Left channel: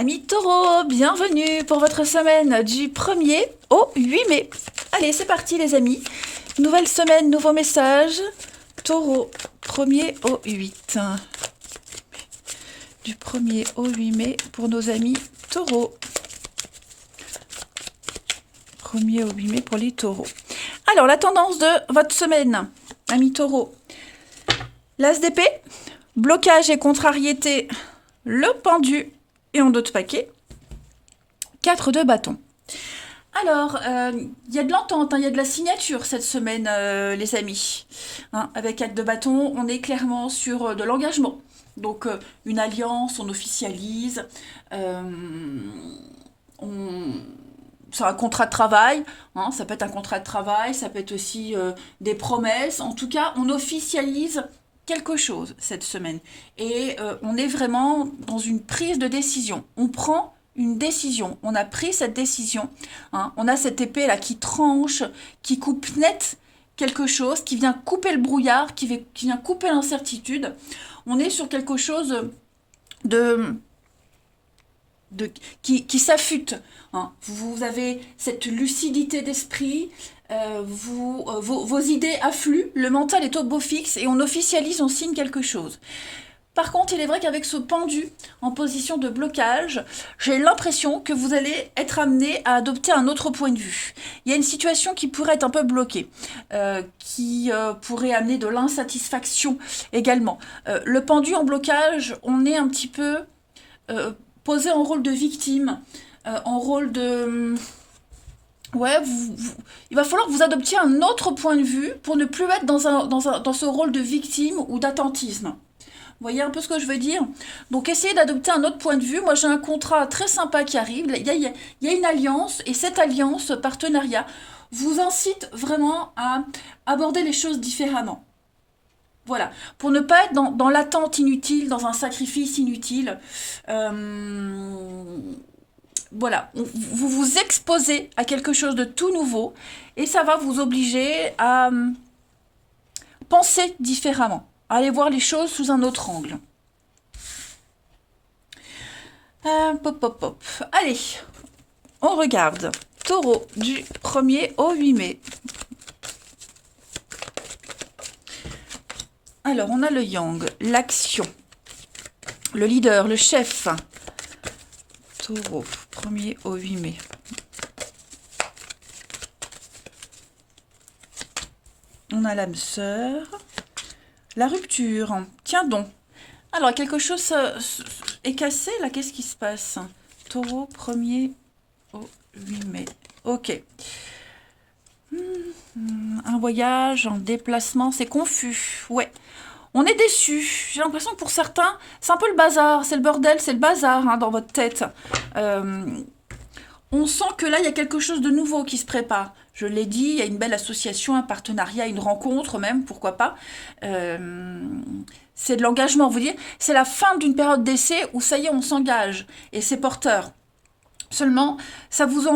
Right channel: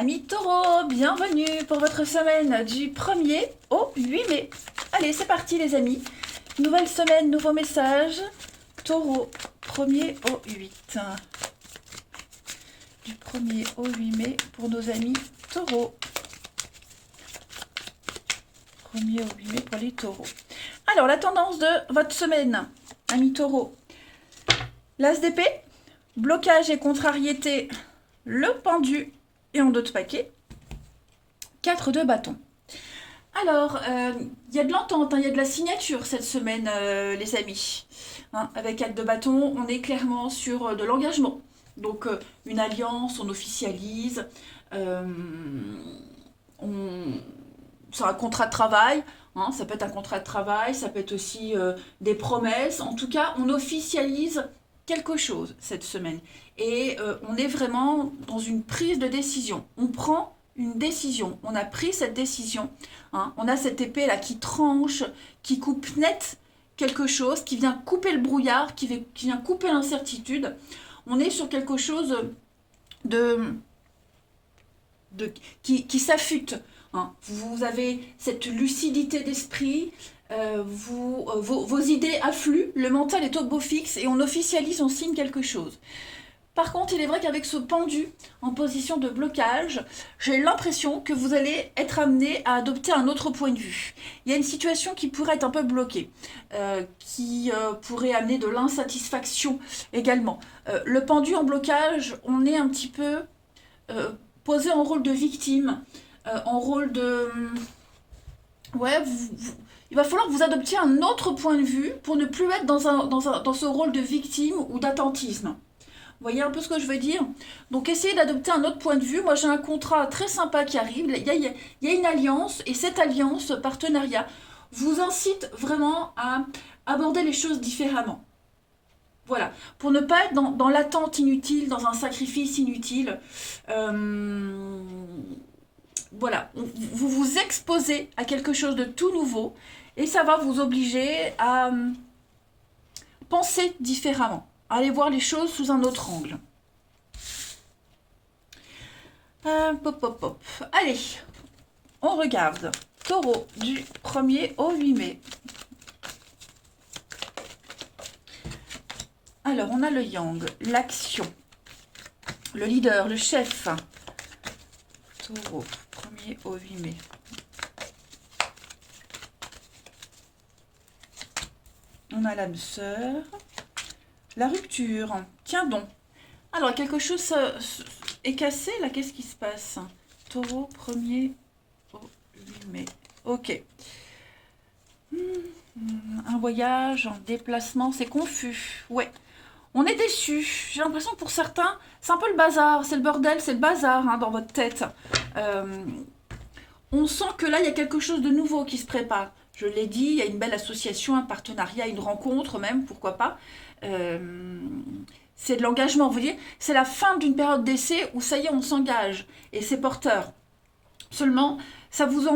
Amis taureaux, bienvenue pour votre semaine du 1er au 8 mai. Allez, c'est parti les amis. Nouvelle semaine, nouveau message. Taureau, 1er au 8. Du 1er au 8 mai pour nos amis taureaux. 1er au 8 mai pour les taureaux. Alors, la tendance de votre semaine, amis taureaux. L'as d'épée, blocage et contrariété, le pendu et en d'autres paquets. 4 de bâton. Alors, il y a de l'entente, il y a de la signature cette semaine, les amis. Avec 4 de bâton, on est clairement sur de l'engagement. Donc, une alliance, on officialise. C'est un contrat de travail, ça peut être un contrat de travail, ça peut être aussi des promesses. En tout cas, on officialise quelque chose cette semaine. Et on est vraiment dans une prise de décision. On prend une décision. On a pris cette décision. On a cette épée là qui tranche, qui coupe net quelque chose, qui vient couper le brouillard, qui vient couper l'incertitude. On est sur quelque chose qui s'affûte. Vous avez cette lucidité d'esprit, vos idées affluent, le mental est au beau fixe et on officialise, on signe quelque chose. Par contre, il est vrai qu'avec ce pendu en position de blocage, j'ai l'impression que vous allez être amené à adopter un autre point de vue. Il y a une situation qui pourrait être un peu bloquée, qui pourrait amener de l'insatisfaction également. Le pendu en blocage, on est un petit peu posé en rôle de victime, en rôle de... Ouais, il va falloir que vous adoptiez un autre point de vue pour ne plus être dans ce rôle de victime ou d'attentisme. Vous voyez un peu ce que je veux dire? Donc essayez d'adopter un autre point de vue. Moi j'ai un contrat très sympa qui arrive. Il y a une alliance et cette alliance, partenariat, vous incite vraiment à aborder les choses différemment. Voilà, pour ne pas être dans l'attente inutile, dans un sacrifice inutile. Voilà, vous vous exposez à quelque chose de tout nouveau et ça va vous obliger à penser différemment, à aller voir les choses sous un autre angle. Pop, pop, pop. Allez, on regarde. Taureau du 1er au 8 mai. Alors, on a le yang, l'action, le leader, le chef. Taureau, 1er au 8 mai. On a l'âme sœur. La rupture. Tiens donc. Alors, quelque chose est cassé, là. Qu'est-ce qui se passe? Taureau, 1er au 8 mai. Ok. Un voyage, un déplacement, c'est confus. Ouais. On est déçu. J'ai l'impression que pour certains, c'est un peu le bazar, c'est le bordel, c'est le bazar dans votre tête. On sent que là, il y a quelque chose de nouveau qui se prépare. Je l'ai dit, il y a une belle association, un partenariat, une rencontre même, pourquoi pas. C'est de l'engagement, vous voyez. C'est la fin d'une période d'essai où ça y est, on s'engage et c'est porteur. Seulement, ça vous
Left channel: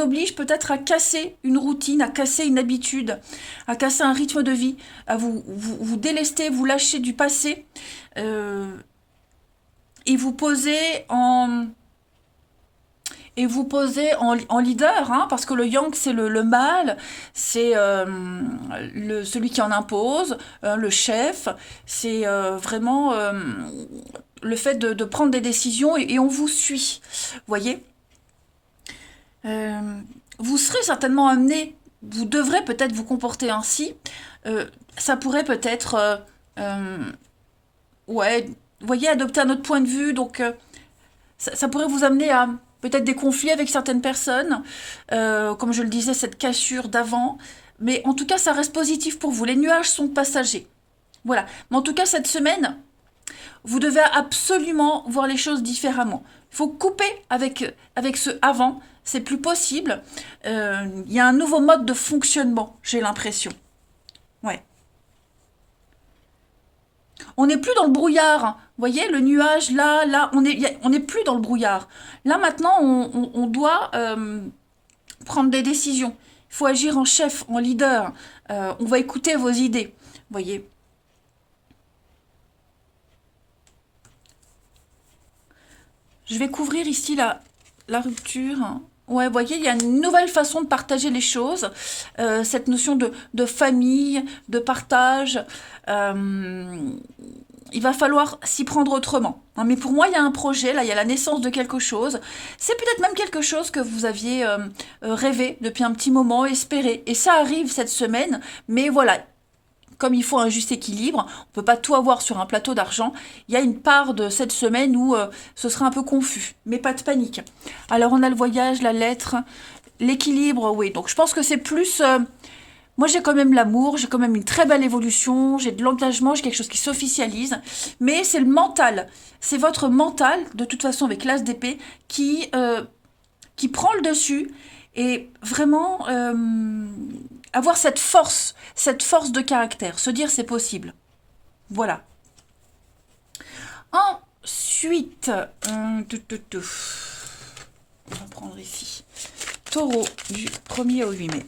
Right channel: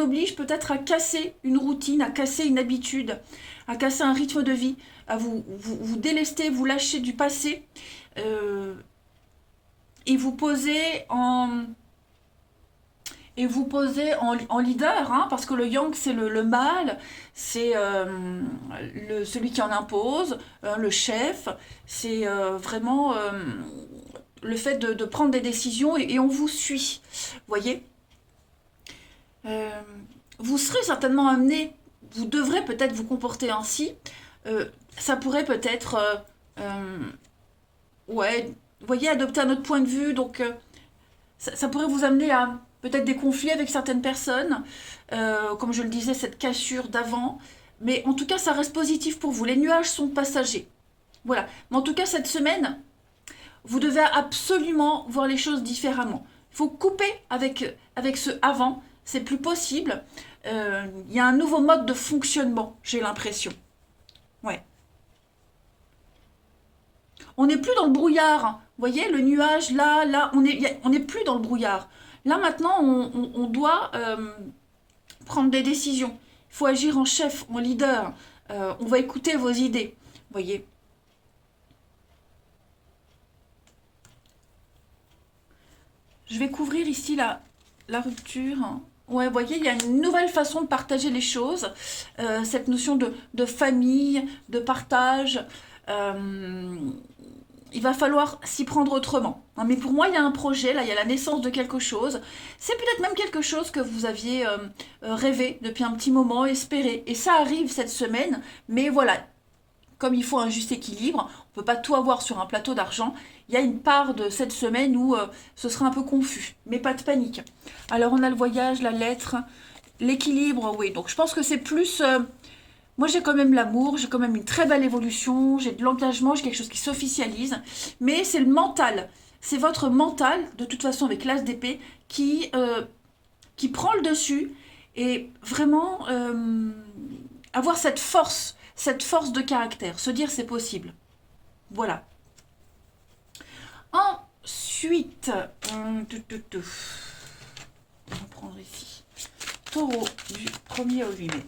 oblige peut-être à casser une routine, à casser une habitude, à casser un rythme de vie, à vous délester, vous lâcher du passé et vous poser en leader, parce que le yang c'est le mâle, c'est celui qui en impose, le chef, c'est vraiment le fait de prendre des décisions et on vous suit, voyez. Vous serez certainement amené, vous devrez peut-être vous comporter ainsi, ça pourrait peut-être, ouais, vous voyez, adopter un autre point de vue, donc ça pourrait vous amener à peut-être des conflits avec certaines personnes, comme je le disais, cette cassure d'avant, mais en tout cas, ça reste positif pour vous. Les nuages sont passagers. Voilà. Mais en tout cas, cette semaine, vous devez absolument voir les choses différemment. Il faut couper avec ce avant, c'est plus possible. Il y a un nouveau mode de fonctionnement, j'ai l'impression. Ouais. On n'est plus dans le brouillard. Vous voyez, le nuage, là, on n'est plus dans le brouillard. Là, maintenant, on doit prendre des décisions. Il faut agir en chef, en leader. On va écouter vos idées. Vous voyez. Je vais couvrir ici la rupture. Ouais, vous voyez, il y a une nouvelle façon de partager les choses. Cette notion de famille, de partage. Il va falloir s'y prendre autrement. Hein, mais pour moi, il y a un projet, là, il y a la naissance de quelque chose. C'est peut-être même quelque chose que vous aviez rêvé depuis un petit moment, espéré. Et ça arrive cette semaine, mais voilà, comme il faut un juste équilibre, on ne peut pas tout avoir sur un plateau d'argent. Il y a une part de cette semaine où ce sera un peu confus, mais pas de panique. Alors on a le voyage, la lettre, l'équilibre, oui. Donc je pense que c'est plus... moi j'ai quand même l'amour, j'ai quand même une très belle évolution, j'ai de l'engagement, j'ai quelque chose qui s'officialise, mais c'est le mental. C'est votre mental, de toute façon avec l'as d'épée, qui prend le dessus et vraiment avoir cette force de caractère, se dire c'est possible. Voilà. Ensuite, on va prendre ici, Taureau du 1er au 8 mai.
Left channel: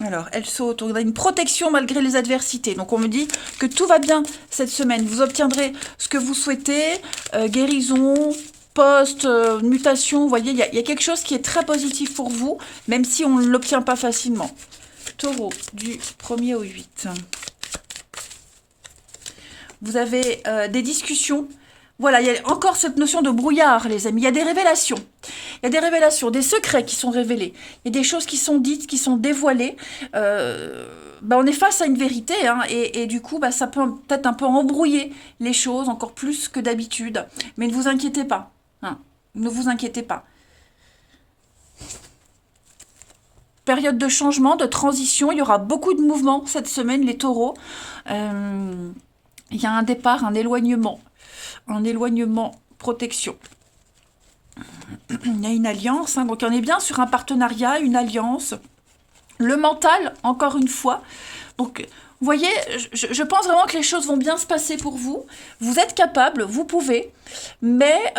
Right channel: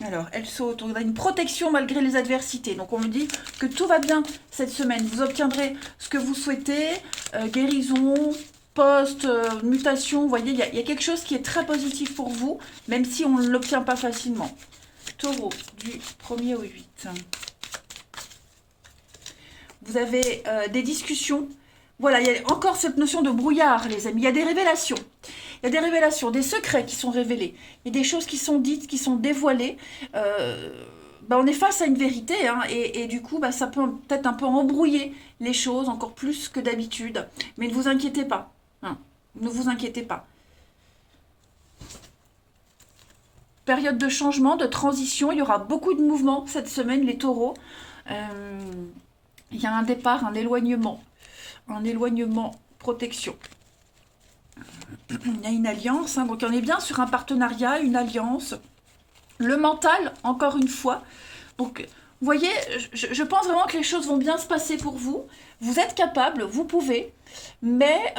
Alors, elle saute, on a une protection malgré les adversités. Donc, on me dit que tout va bien cette semaine. Vous obtiendrez ce que vous souhaitez, guérison, poste, mutation. Vous voyez, il y a quelque chose qui est très positif pour vous, même si on ne l'obtient pas facilement. Taureau, du 1er au 8. Vous avez des discussions. Voilà, il y a encore cette notion de brouillard, les amis. Il y a des révélations. Il y a des révélations, des secrets qui sont révélés. Il y a des choses qui sont dites, qui sont dévoilées. On est face à une vérité, hein, et du coup, ça peut peut-être un peu embrouiller les choses, encore plus que d'habitude. Mais ne vous inquiétez pas. Hein, ne vous inquiétez pas. Période de changement, de transition. Il y aura beaucoup de mouvements cette semaine, les taureaux. Il y a un départ, un éloignement. Un éloignement, protection. Il y a une alliance, hein, donc on est bien sur un partenariat, une alliance. Le mental, encore une fois. Donc, vous voyez, je pense vraiment que les choses vont bien se passer pour vous. Vous êtes capable, vous pouvez. Mais,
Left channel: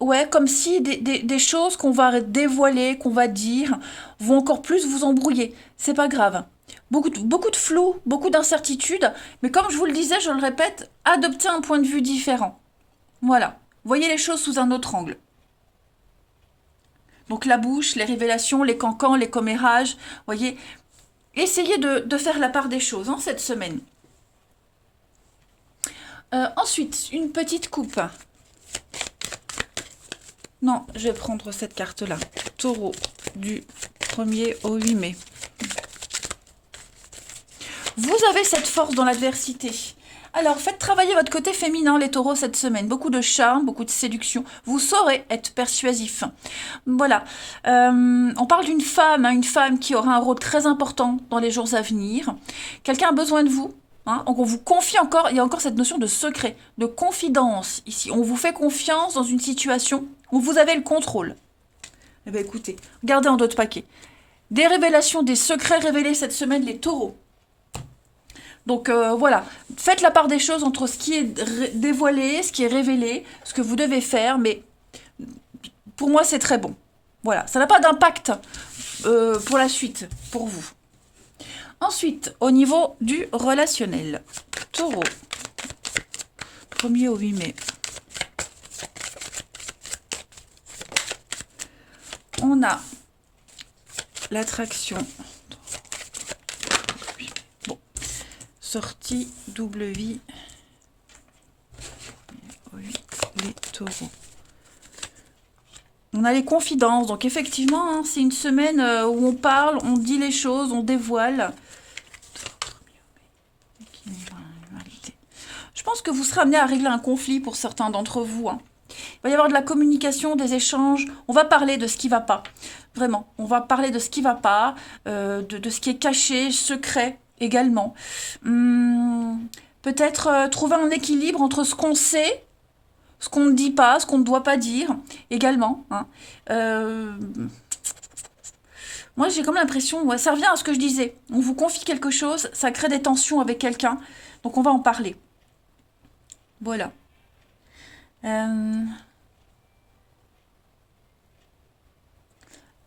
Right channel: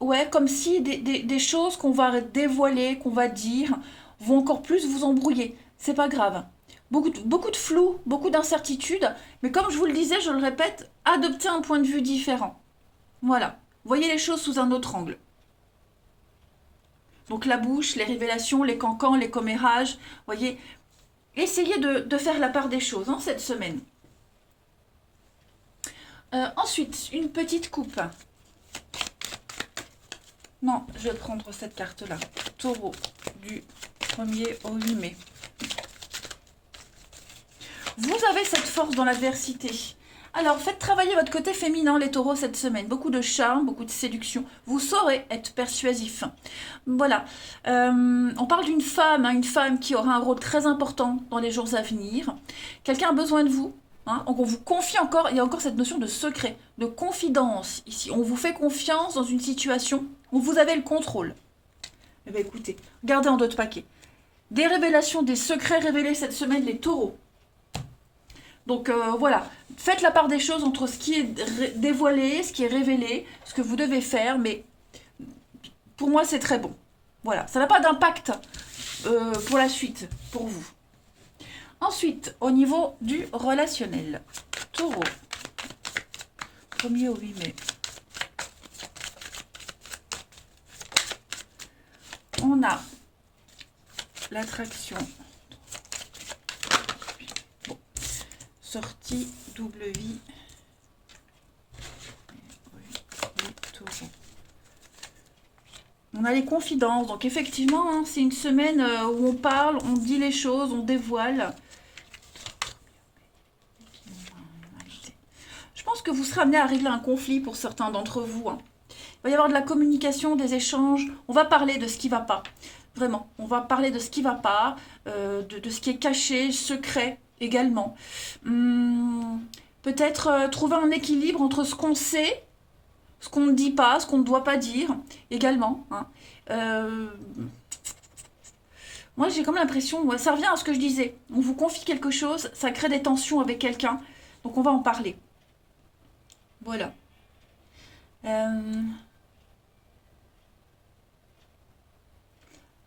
ouais, comme si des choses qu'on va dévoiler, qu'on va dire, vont encore plus vous embrouiller. C'est pas grave. Beaucoup de flou, beaucoup d'incertitudes. Mais comme je vous le disais, je le répète, adoptez un point de vue différent. Voilà. Voyez les choses sous un autre angle. Donc la bouche, les révélations, les cancans, les commérages. Voyez, essayez de faire la part des choses, hein, cette semaine. Ensuite, une petite coupe. Non, je vais prendre cette carte-là. Taureau, du 1er au 8 mai. Vous avez cette force dans l'adversité. Alors, faites travailler votre côté féminin, les taureaux, cette semaine. Beaucoup de charme, beaucoup de séduction. Vous saurez être persuasif. Voilà. On parle d'une femme, hein, une femme qui aura un rôle très important dans les jours à venir. Quelqu'un a besoin de vous. Hein, donc, on vous confie encore, il y a encore cette notion de secret, de confidence ici. On vous fait confiance dans une situation où vous avez le contrôle. Eh bien, écoutez, regardez en d'autres paquets. Des révélations, des secrets révélés cette semaine, les taureaux. Donc voilà, faites la part des choses entre ce qui est dévoilé, ce qui est révélé, ce que vous devez faire, mais pour moi c'est très bon. Voilà, ça n'a pas d'impact pour la suite, pour vous. Ensuite, au niveau du relationnel, Taureau, 1er au 8 mai. On a l'attraction. Sortie double vie. Oui, les taureaux. On a les confidences. Donc effectivement, hein, c'est une semaine où on parle, on dit les choses, on dévoile. Je pense que vous serez amené à régler un conflit pour certains d'entre vous. Hein. Il va y avoir de la communication, des échanges. On va parler de ce qui ne va pas. Vraiment, on va parler de ce qui ne va pas, de ce qui est caché, secret. Également. Peut-être trouver un équilibre entre ce qu'on sait, ce qu'on ne dit pas, ce qu'on ne doit pas dire, également. Hein. Moi, j'ai comme l'impression, ouais, ça revient à ce que je disais. On vous confie quelque chose, ça crée des tensions avec quelqu'un, donc on va en parler. Voilà.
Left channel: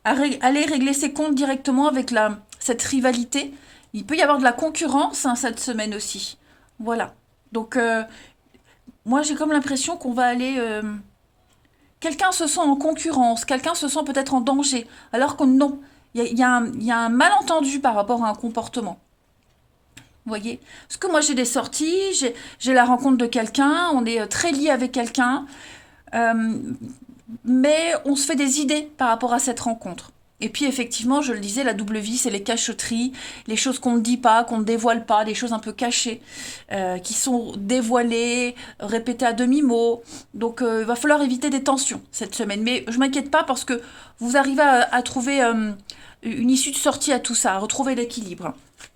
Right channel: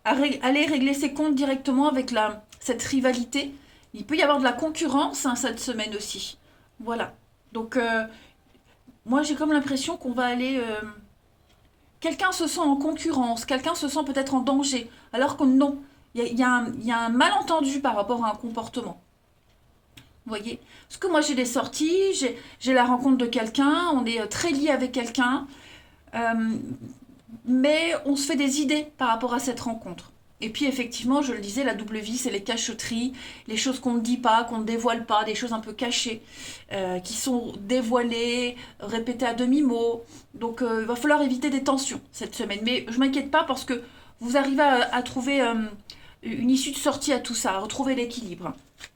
Aller régler ses comptes directement avec cette rivalité. Il peut y avoir de la concurrence, hein, cette semaine aussi. Voilà. Donc, moi j'ai comme l'impression qu'on va aller... quelqu'un se sent en concurrence, quelqu'un se sent peut-être en danger, alors que non, il y a un malentendu par rapport à un comportement. Vous voyez? Parce que moi j'ai des sorties, j'ai la rencontre de quelqu'un, on est très lié avec quelqu'un, euh, mais on se fait des idées par rapport à cette rencontre. Et puis effectivement, je le disais, la double vie, c'est les cacheteries, les choses qu'on ne dit pas, qu'on ne dévoile pas, des choses un peu cachées, qui sont dévoilées, répétées à demi-mot. Donc il va falloir éviter des tensions cette semaine. Mais je m'inquiète pas parce que vous arrivez à trouver une issue de sortie à tout ça, à retrouver l'équilibre.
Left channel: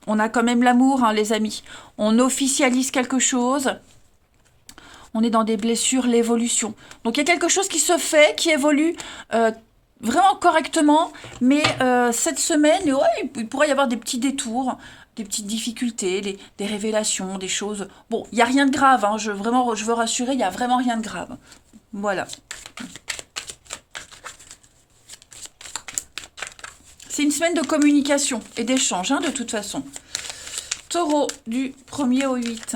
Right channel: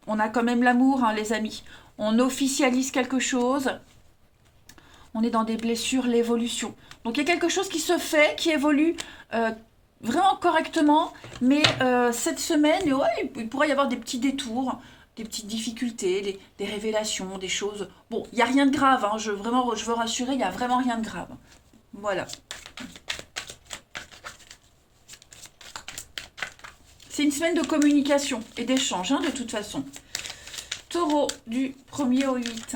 On a quand même l'amour, hein, les amis. On officialise quelque chose. On est dans des blessures, l'évolution. Donc il y a quelque chose qui se fait, qui évolue vraiment correctement, mais cette semaine, ouais, il pourrait y avoir des petits détours, des petites difficultés, des révélations, des choses. Bon, il n'y a rien de grave, hein, vraiment, je veux rassurer, il n'y a vraiment rien de grave. Voilà. C'est une semaine de communication et d'échange, hein, de toute façon. Taureau, du 1er au 8.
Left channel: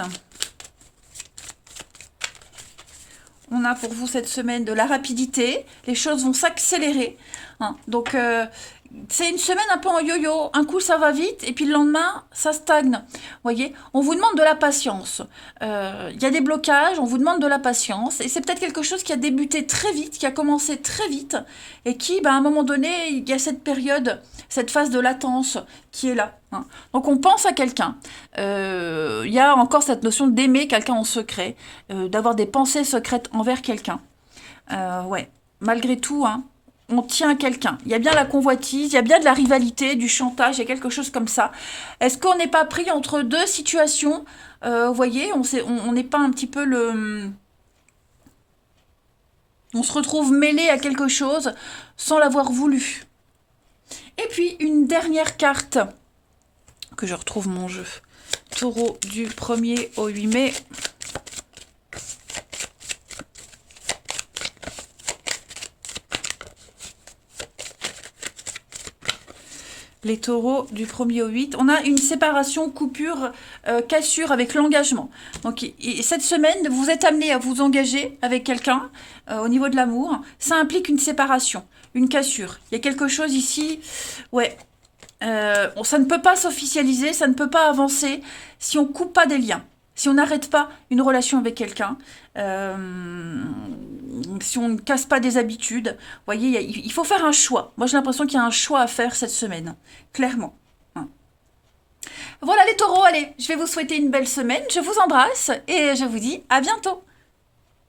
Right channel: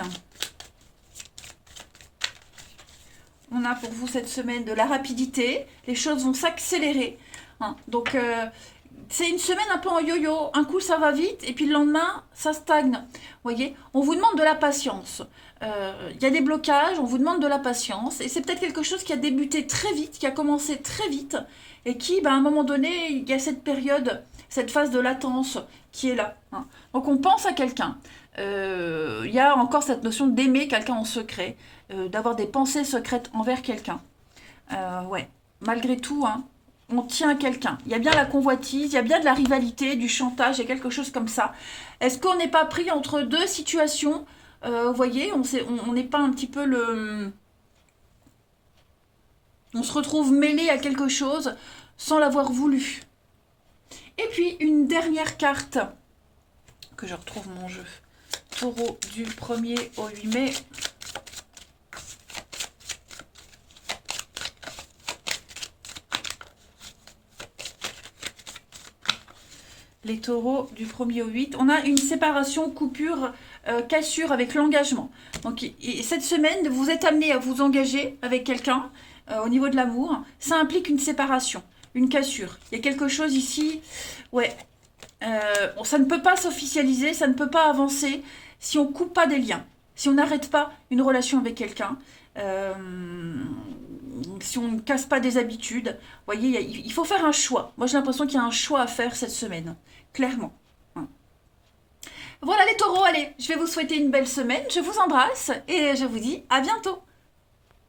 On a pour vous cette semaine de la rapidité. Les choses vont s'accélérer. Hein. Donc, c'est une semaine un peu en yo-yo. Un coup, ça va vite et puis le lendemain, ça stagne. Vous voyez, on vous demande de la patience. Il y a des blocages, on vous demande de la patience. Et c'est peut-être quelque chose qui a débuté très vite, qui a commencé très vite et qui, ben, à un moment donné, il y a cette période, cette phase de latence qui est là. Hein. Donc, on pense à quelqu'un. Il y a encore cette notion d'aimer quelqu'un en secret, d'avoir des pensées secrètes envers quelqu'un. Ouais, malgré tout, hein, on tient à quelqu'un. Il y a bien la convoitise, il y a bien de la rivalité, du chantage, il y a quelque chose comme ça. Est-ce qu'on n'est pas pris entre deux situations? Vous voyez, on n'est pas un petit peu le... On se retrouve mêlé à quelque chose sans l'avoir voulu. Et puis, une dernière carte, que je retrouve mon jeu. Taureau du 1er au 8 mai. Les taureaux du 1er au 8. On a une séparation, coupure, cassure avec l'engagement. Donc, et cette semaine, vous êtes amené à vous engager avec quelqu'un au niveau de l'amour. Ça implique une séparation, une cassure. Il y a quelque chose ici, ouais. Ça ne peut pas s'officialiser, ça ne peut pas avancer si on ne coupe pas des liens, si on n'arrête pas une relation avec quelqu'un, si on ne casse pas des habitudes. Vous voyez, il faut faire un choix. Moi, j'ai l'impression qu'il y a un choix à faire cette semaine, clairement. Hein. Voilà les taureaux, allez, je vais vous souhaiter une belle semaine, je vous embrasse et je vous dis à bientôt.